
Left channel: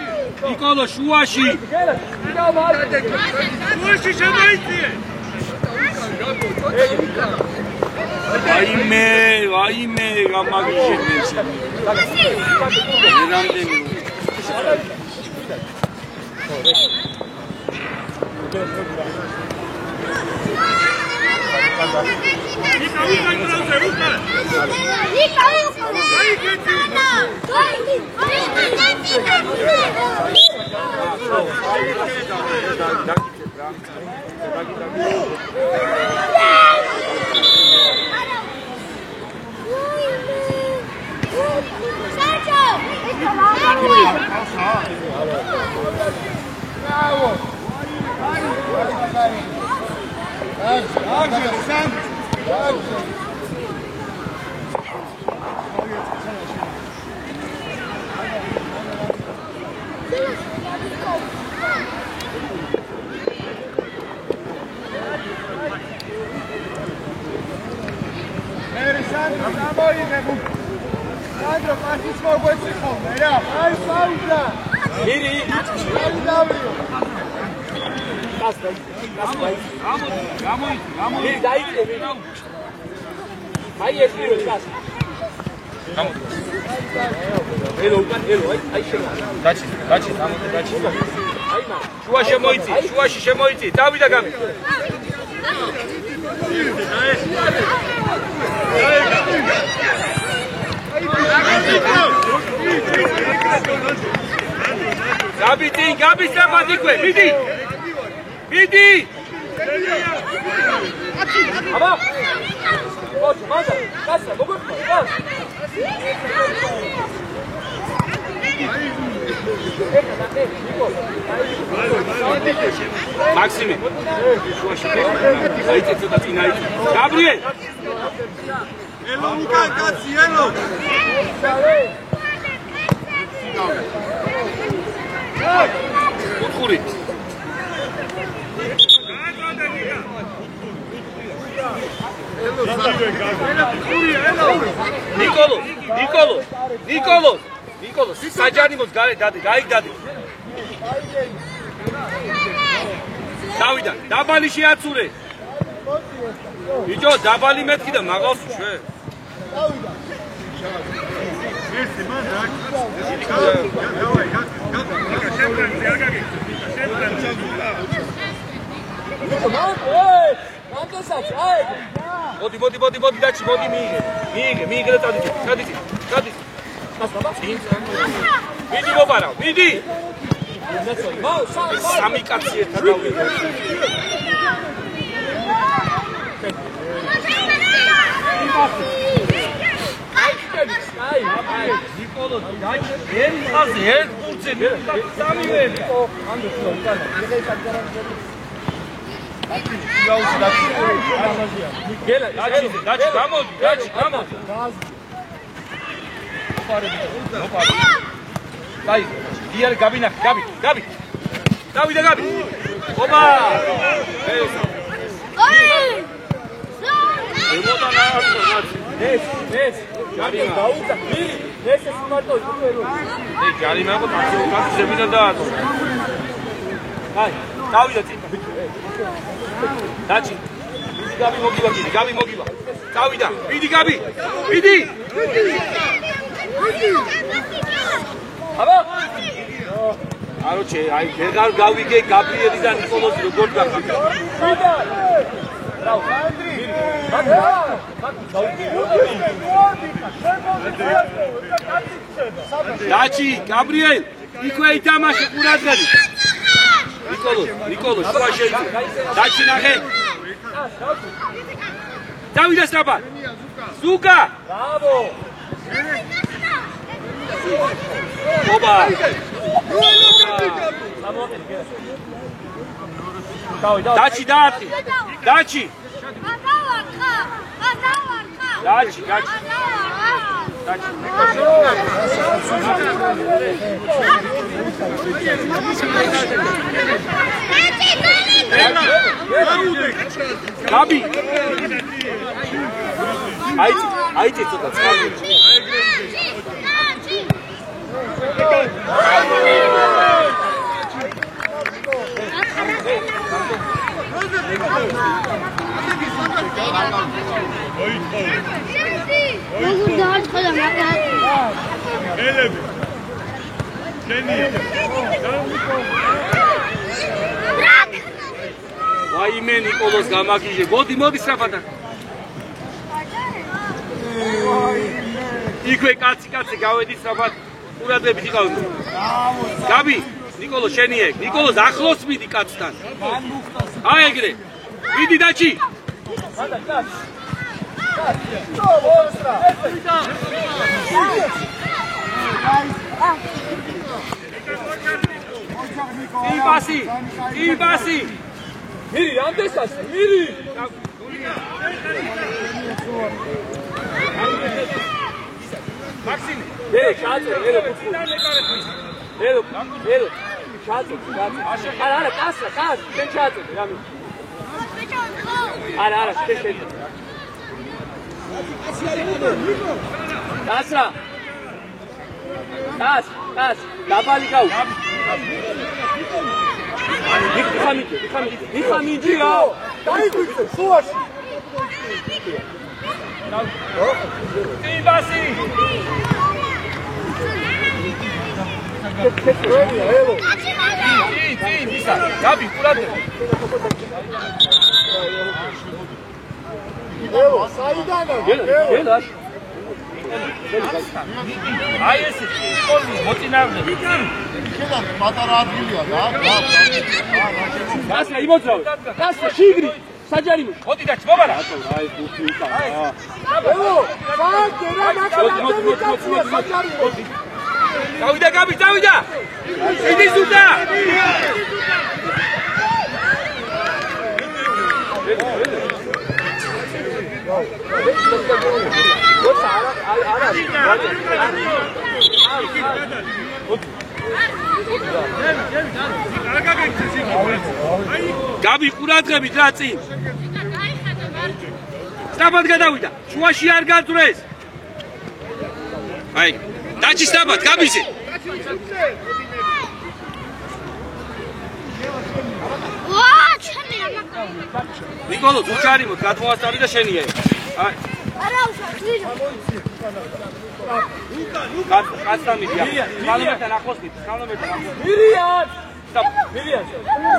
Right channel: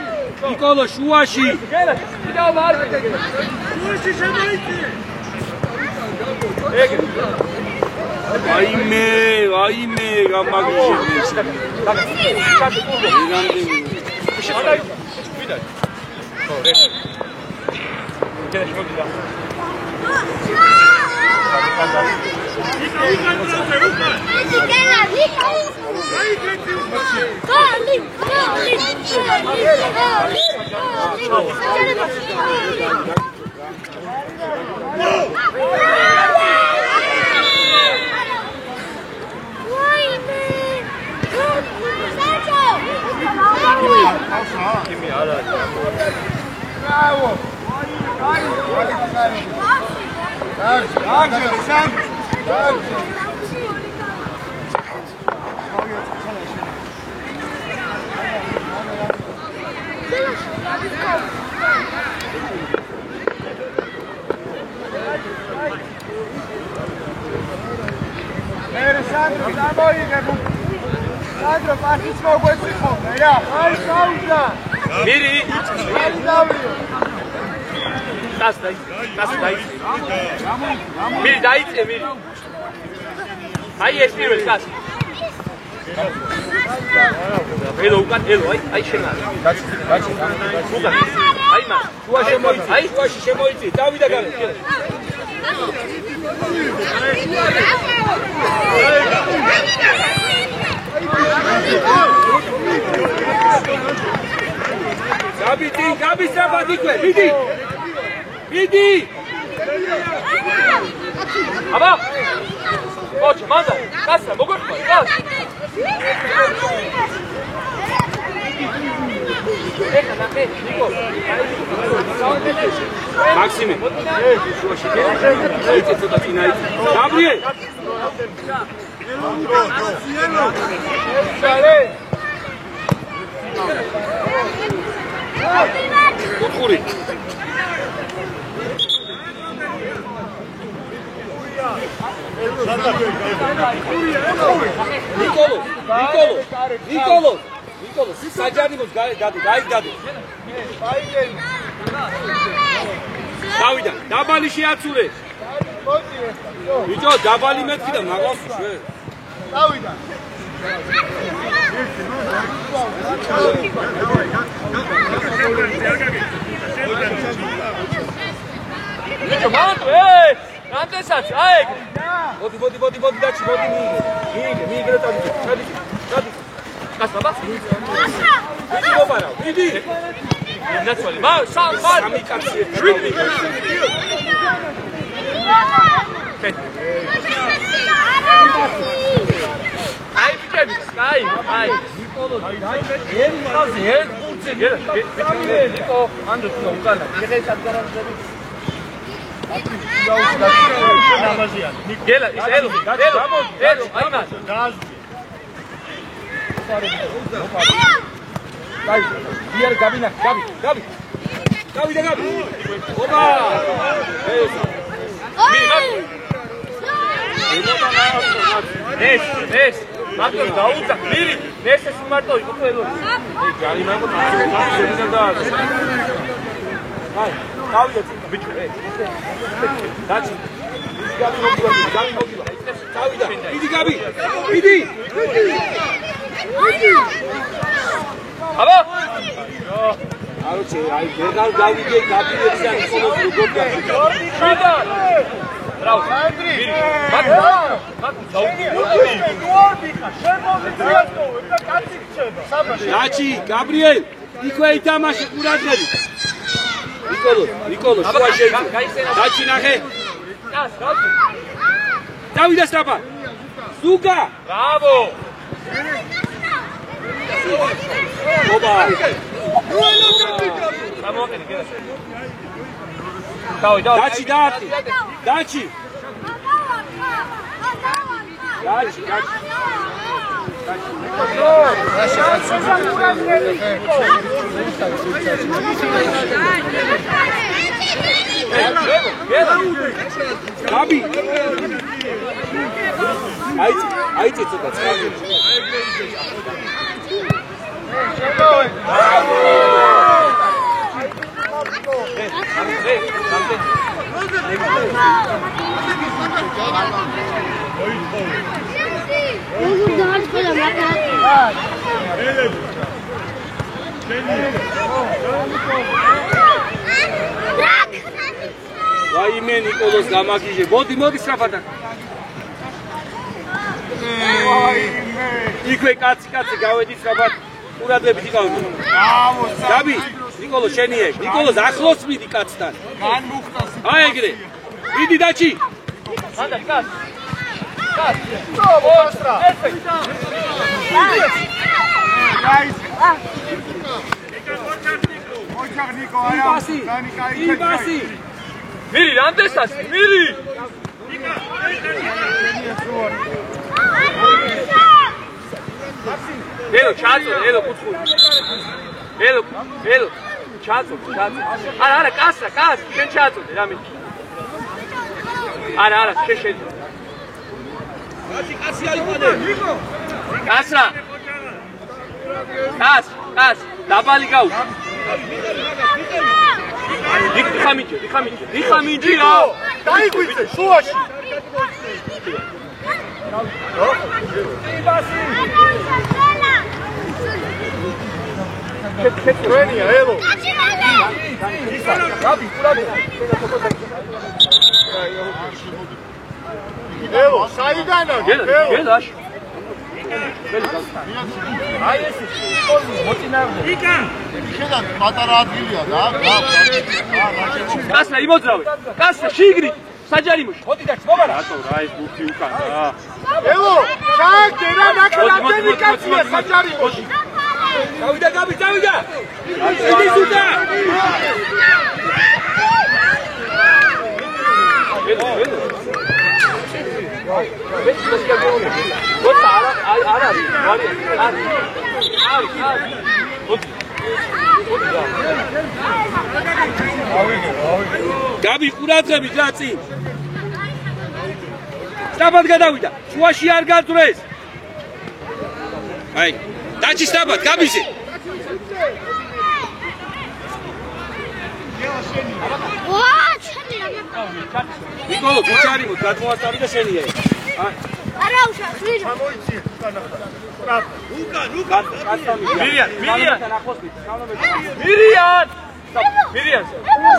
შუაში შემოიწიე. აიმე, გამაგიჟებს. Sandro, partits მოგვეცი ხოლმე რა. აი საუბრა. მირი. აი დავრიო. დასდაი. მირი დაიწე მირი. აი ეს პირველი გას. ელო უკან ელო აი შენა. გაჩი. აი მა. შუა შემოიწი. აი შუაში შემოიწი. დავიდა გამი. Gabi strafat ique, vidi! Aba! Koç, manda, kassa, mogur, kas! Maxime! Gabriel! Kuturi. Nikolo. Sajanimos dadi. Davida, dabali შეაცურე. ბიჭო, dabali მეთქი და მაღავს შვე. დავიდა. ერთი მან აქ. ბიჭო, მანდ, რამდენსაც, აი. მოდი, დაჩი, მოდი მიიგე და წადი. Kas baba? Vidi mopara, vidi. Natsoli, ma, sami kaksi. Ai. Nikolo, eri xazi, eri qurtsi, sami Niko, ando ukana. Gela, Vai, via Gabi. Opa! Nes. Gabi, dauda, miri. Nes smarto, iqvelo. Ei, Gari mango tatsi zemina da. Vai, davida tita, bicho. Dachi. Gabi mogiva. Davida, vidi Gabi. Vidi. Aba! Aroche, ai vegan davide Gabrieli da Nikolo როგორ გახდა. შიდა! Bravo. Dachi, Gabriel, იქვე ითამაშე ყურადღებით. Nikolo, შუა შეიძლება. Dachi ნახე. Davida strafat. Zuka! Bravo! Oba! Dachi daapti. Dachi. Gabi. Aici ცოტა წყალზე. რაიმე ნიკოლოს გამაგიჟე. მოდი სწრაფად. იქვე კაცი გავედი სწრაფად. ყურადღებით იყავ. გაბი, ნიკოლო შენი ეგ. ნიკოლოს ახლოს მიდი კაცთან. აი ეგრე. მიდი დაჩი. იბასი. მირი რამდენსაც? მირი. მაქსიმ, ელო ჩაწო, ელო კუთხური. ელო, ჩაწო. არა, კასა, შენ ჩაწო, რამე. არა, შენ. კაცი აიყანე. კასა. კას, დაბალი გაუ. დიხამინჯი რა. დაიგვიწე, შუაში. იბასი. კეთრენია, ელო. გაბი, ყურადღე. ელო, საიდანაა? გელაშ. აი ეს სკოლი მოწინააღმდეგე. შედან პატარა ადგილია და კასა იმოძრავე. კასა შიგრი. საჯარიმოში. მოდი და ჩმოგარა. რატო რა ეს ბუფი უკან რა. ელო, საერთოდ რა ნაკლებად კაცია საჯარიმოში. დავიდა გაბი, დავიდა. იდი ზუდა. გაბი ყურადღებით რა წინ. სწრაფად გადავიდა. შუაში არ გაძვრეს. აი, დაჩი სწრაფად, გაბიზე. ვა, ჩემი რა ნაკა. ნიკოლო, გუჩარიმოთ, გადმოასწავლი და შენია. აი. არა უშავს, ვირო. მირიან.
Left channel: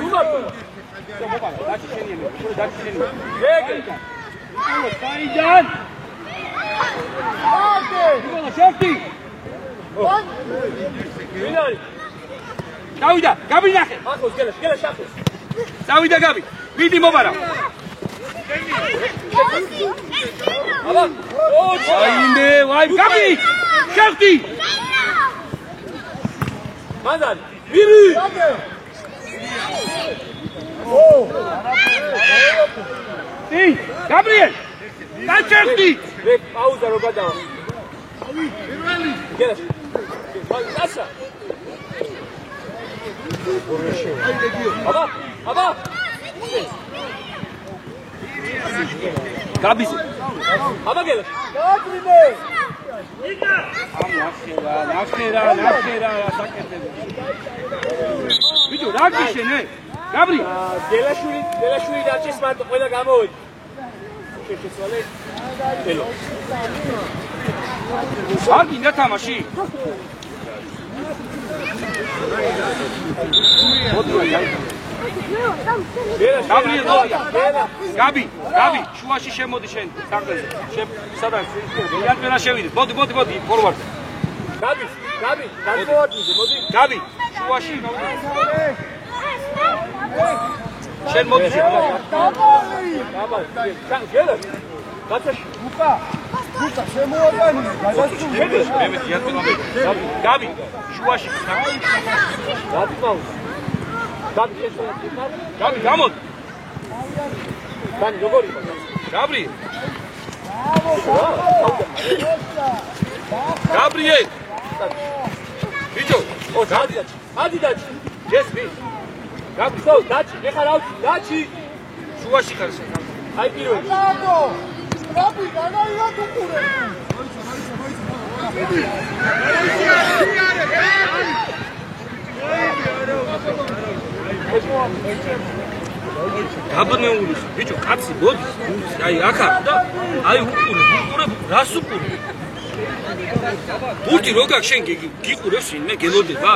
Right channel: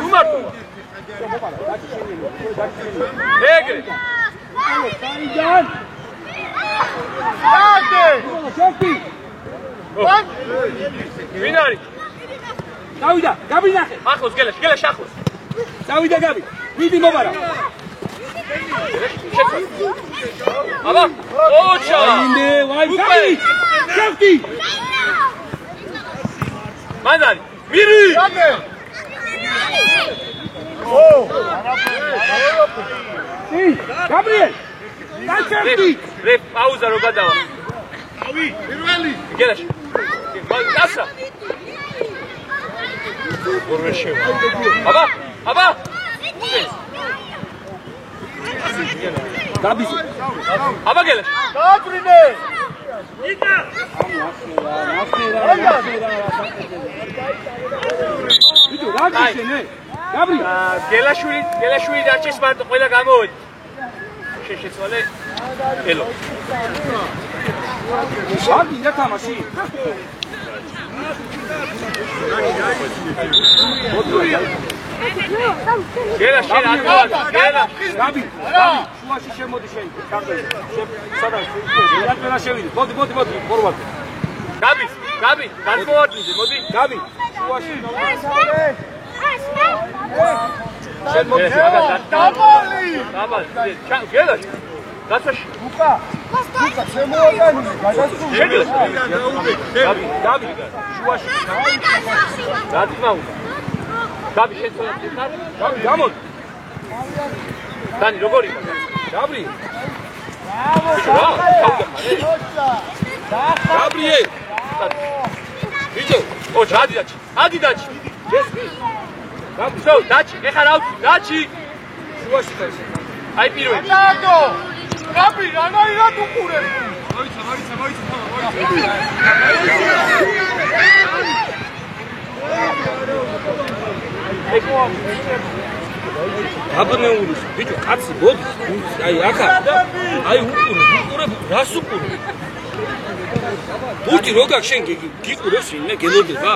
უმარტო. ეგრე. საიდან? შევტი. ვინ არის? დავიდა, გაბი ნახე. ახლოს გელაშ ახლოს. დავიდა გაბი. მიდი მობარა. აბა, ოჩა. აიმე, ვაი, გაბი. შევტი. მანდარი. მირი. გაბრიელ. დაჩერდი. რე პაუზა რო გადავა. პირველი. გელაშ. კასა. აბა. გაბიზე. აბა გელაშ. გაატრინე. ვიდო რა გიშენე? გაბრი. გელაშვილი დაჩის მარტო ყველა გამოვედი. შეშეცვალე. ელო. არ გინდა თამაში? გაბი, შუაში შემოდი შენ, საყდეზე. სადაც ერთმენა შევიდი. მოდი, ფორვარდ. გაბი, გადმოვარდნიზე, მოდი. გაბი, შუაში. შენ მოდი. დაბალი. გელაშ. გაცაში. უკა, შემოაგანია, გადასული. გაბი, შუაში. რა თქმა უნდა. გაბი შეცვალა თვითონ. გაბი, გამოდი. დანი როგორი იყო? გაბრი. გაბრიელ. ვიდო, დადი დაჩი. ეს მის. გაბი, დაჩი, ეხა რა ვთქვი, დაჩი. შუაში ხარ. აი პირველი. გაბი, რანაირად უყურებ? გაბნეულის ბიჭო კაცი მოდი აი ახა აი უყურე რას უყურე ბურთი რო გაქვს შენ გიყურებს ვინმე გელოდება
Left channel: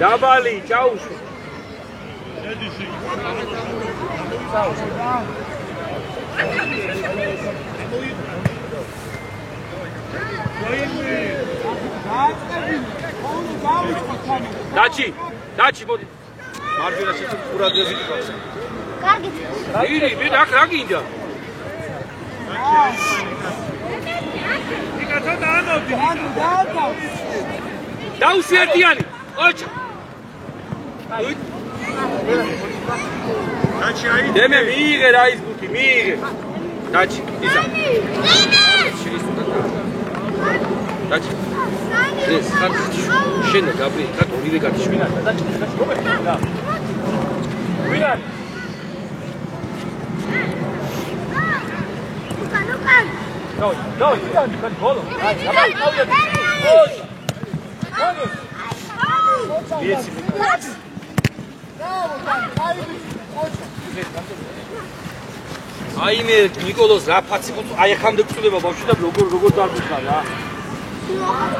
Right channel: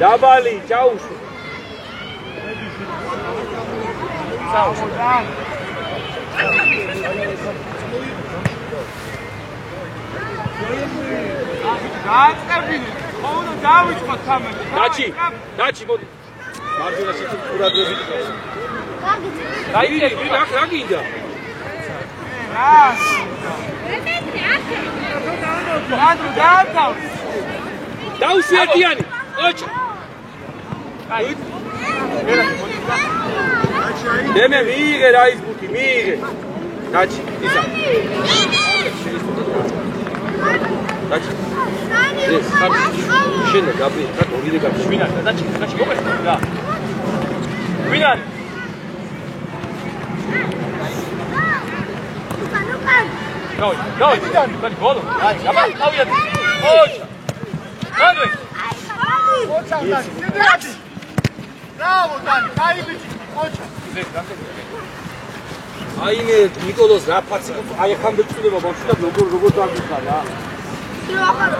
დაბალი, ჩაუშვი. დაჩი, მოდი. მარჯვენა შეჭი ყურადღებით. კარგი, რა გინდა? დაუსი ერთიანი. ოჩი. დემე მიიღე რა ის ბუთი, მიიღე. დაჩი, ისა. დაჩი. ეს შენ გაბრი, რა გორიდე გაჩვინა, დაჩი, მოგერთა რა. ვინ არის? Давай, голо. Давай, давай. Ой. Давай. Браво, Дани, кайбი. ოჩა. აიმე ნიკოლოს რა ფაცი აი ახამდე წვდება ბავშვი და როგორ დაგიხა რა.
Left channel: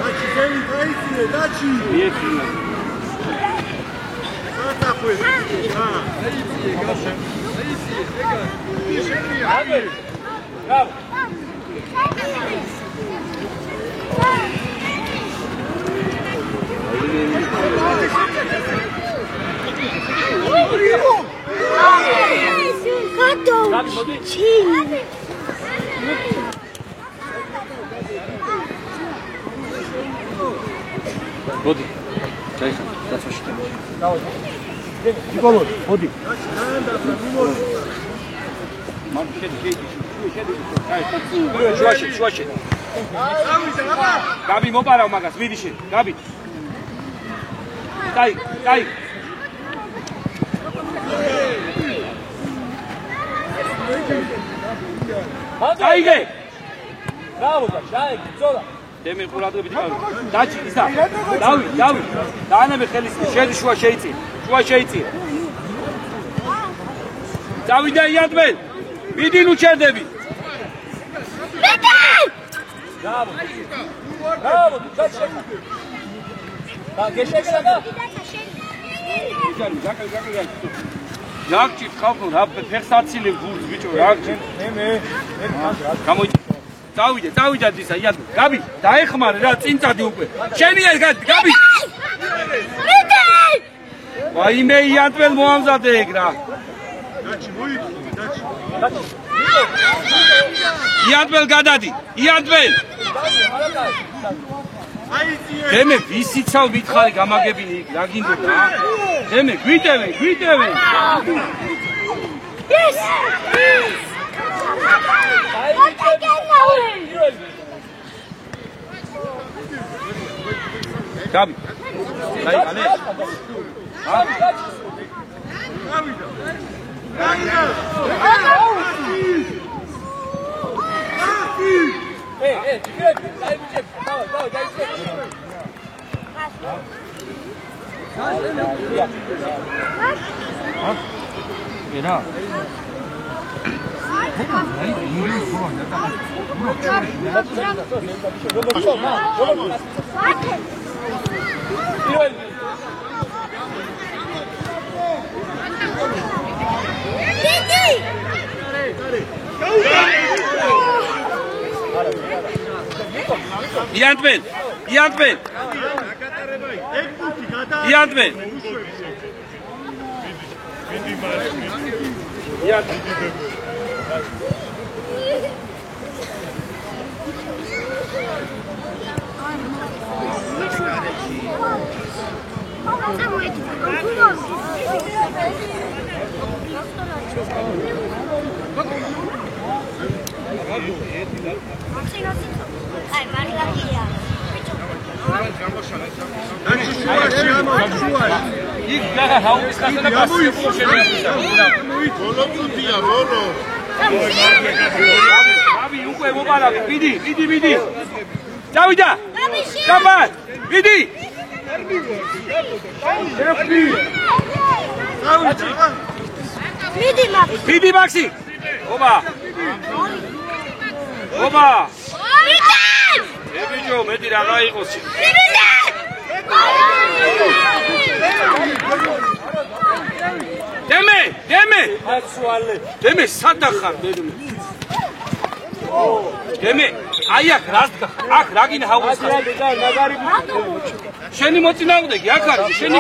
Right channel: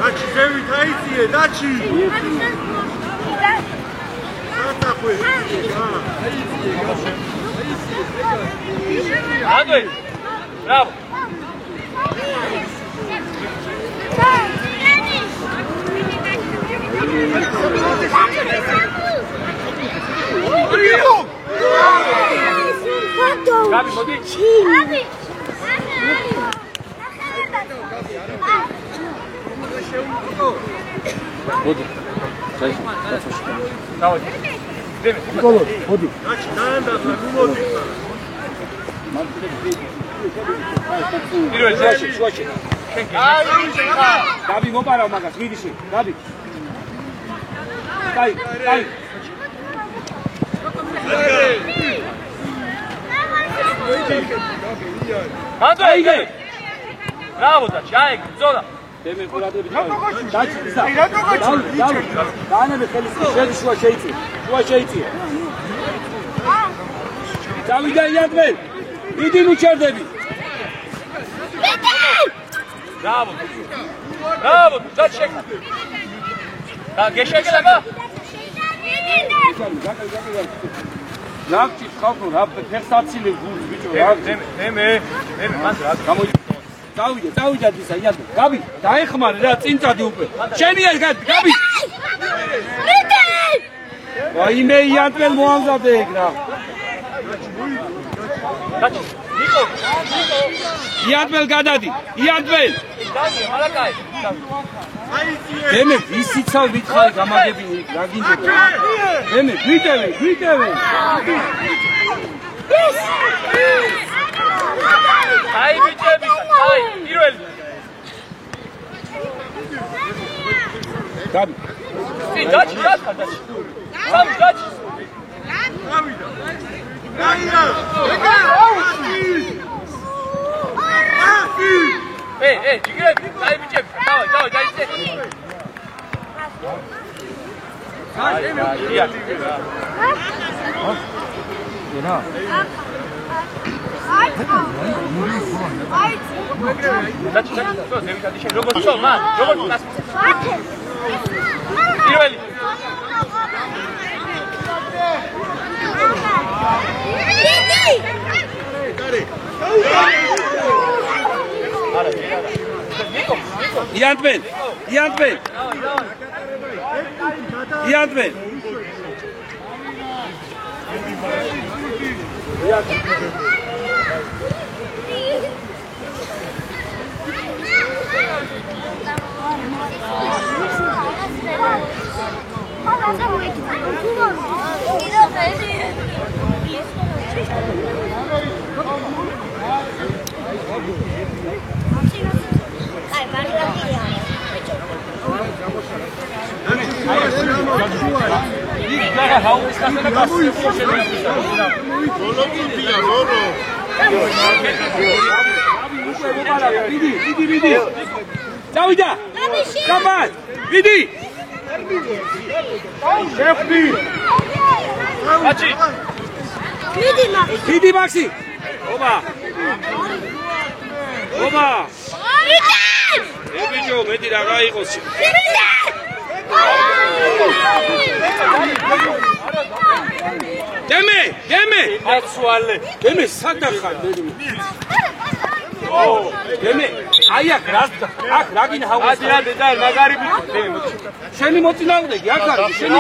დაჩი ზევი დაიწიე, დაჩი. ერთი. დაწახვე. დაიწიე, გასე. დაიწიე. Браво. Gabi, mobi. Mobi. Çay, Давай. Николай, моди. Швачи. Gabi, მოპარავ მაგას, მიდი შენ. Gabi. Кай. Айге. Браво, დაჩაი, ზოლა. დემენ ყურადღებით. დაჩი, ისა. დავი. დაანებე ხელის, შედი შუა შეიწია. დავიდა იადმენ. მიდი ნუ ჩერდები. Браво. დაჩი. და გეშეგება. Лакчи ხალხო რა ფერსაცილე გულს ბიჭო რა მე გამოიჭი დავიდა ისა იადო გაბი დაეხმარე რა წინწადი უკვე შენია გაბი ვაიმე იადველ მოამზადე ეგ რა იადველ გადადი იადველ დემე ვისიცავ მითხარი გამაგებინე იქ რა გინდოდა დემე გვიტევენ ეს აი ბიჭები აი პირველი გაბი დაჩი ჯიგრები, აი ბიჭები, დავай, დაიცე. ენა. Iantmen. იქ გახა ჰაუის ხასანა გასწრებულ შეგვიძლია. ბოლო წუთია, ბოლო. უკვე მოგალა, მიდი. წავიდა. კაბად, მიდი. შეფი. მიდი მაქსი. ობა. ბიჭო, მეტი რა გაიყოს. დემე. აცვალე. დემე სადახარ დემე. აი აქ რა გინდა ჰაუს. მაგარი შენი მოწინააღმდეგე აქ არის შენი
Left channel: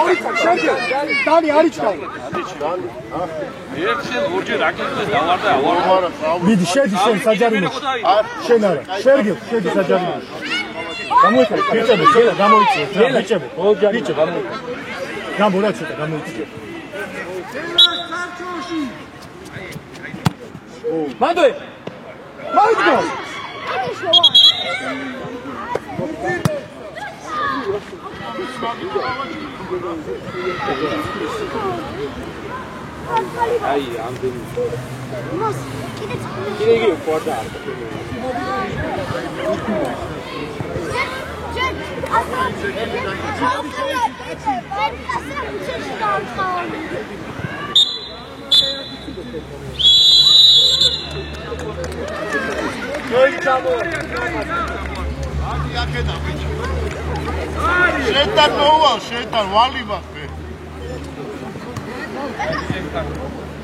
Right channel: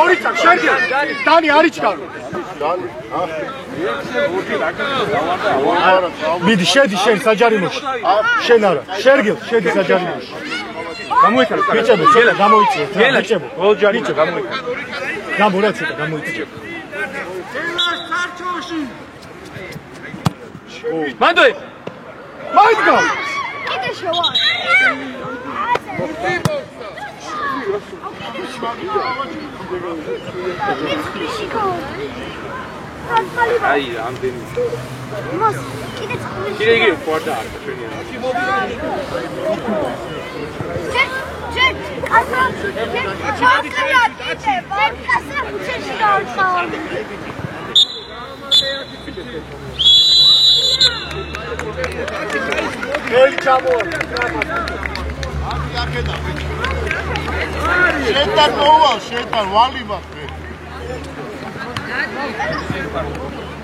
დანი არიჩკარ. ერთი ორჯერ აკეთე დავარდა ავარ. მიდი შედი შენ საჯარიმოში. შენ არა. შერგილ შედი საჯარიმოში. გამოიქარ ბიჭებო, შელა გამოიწიეთ. ბიჭებო, ბიჭებო გამოიქარ. გამორა ცოტა გამოიწიეთ. მანდოე. მაიდგა. აი, ამდენი. მას კიდე იგი ყორდა. შეთან მოვალ, შეთან ვალი მაქვს.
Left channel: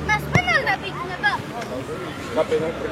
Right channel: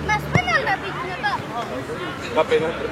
მას პენალტი იქნება. გაპენალტი.